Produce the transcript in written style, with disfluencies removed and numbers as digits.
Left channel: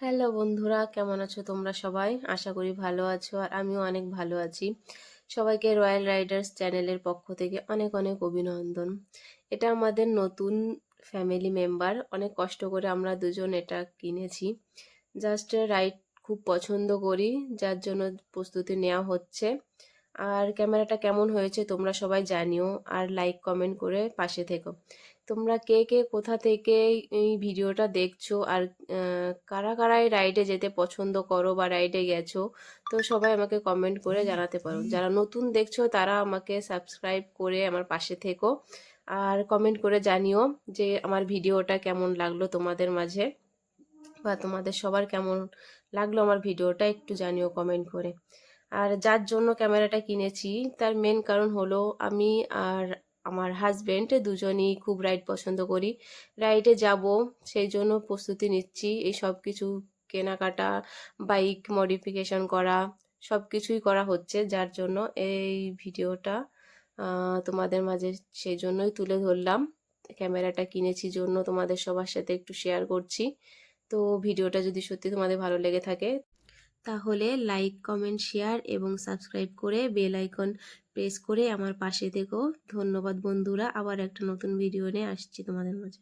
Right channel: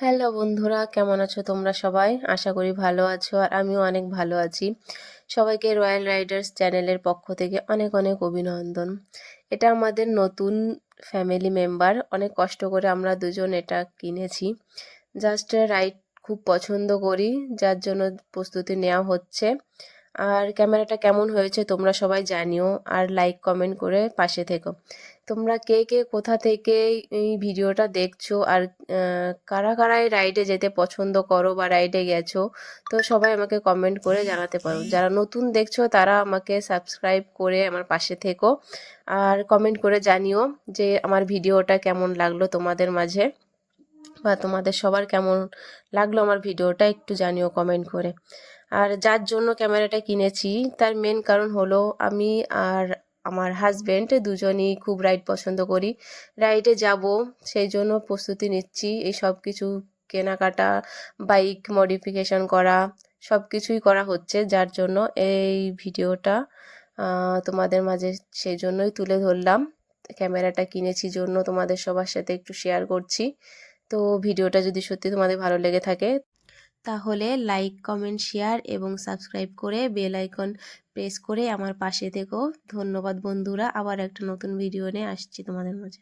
Hello বন্ধুরা, কেমন আছো তোমরা সবাই? আশা করি ভালো আছো আর আমিও অনেক ভালো আছি। সবাইকে রয়্যাল রাইডার্স চ্যানেলের পক্ষ থেকে অনেক অনেক অভিনন্দন। এটা আমাদের নতুন ফ্যামিলি মেম্বার, অনেক কষ্ট করে আমরা দুজন এটা কিনেছি। জাস্ট রাইড খুব পছন্দ করি, যার জন্য প্রস্তুতি নেওয়া হচ্ছে। আর ক্যামেরাটা কেমন হয়েছে তোমরা সবাই জানিও, আর লাইক কমেন্ট করে পাশে থেকো। তোমরা কে কে কোথা থেকে এই ভিডিওটা দেখছো, আর কারা কারা এই রাইডে যেতে পছন্দ করো বা রাইডে গেছো, তো সবাই আমাকে কমেন্ট করে জানাতে পারো। যারা নতুন দেখছো তারা আমাকে সাবস্ক্রাইব করে আমার পাশে থেকো, আর কমেন্ট করে জানিও যে আমার ভিডিওটা কেমন লাগলো তোমাদের মাঝে, বা তোমাদের সবার কেমন লাগলো আমার ভিডিওটা একটু জানিও কমেন্ট করে। আর যার জন্য ক্যামেরাটা কিনেছি তার মেন কারণ হলো আমি আর আমার হাজব্যান্ড দুজনই খুব রাইড পছন্দ করি, রাইডে যাব, সেই জন্য প্রস্তুতি নিচ্ছি। এই সব কিছু কেনাকাটা, বাইক মডিফিকেশন করা, সব কিছুই করা হচ্ছে, যার জন্য এই ভিডিওটা তোমাদের মাঝে সেই জন্যই তুলে ধরলাম। ক্যামেরাটা কিনেছি জন্য তোমাদের সবার সাথে একটু শেয়ার করছি। তো ভিডিওটা যদি সত্যি তোমাদের ভালো লেগে থাকে তাহলে লাইক কমেন্ট শেয়ার এবং সাবস্ক্রাইব করে বেল আইকন প্রেস করে আমার পাশে থেকো। ধন্যবাদ বন্ধুরা, আবার একটা নতুন ভিডিও নিয়ে আসছি তোমাদের মাঝে।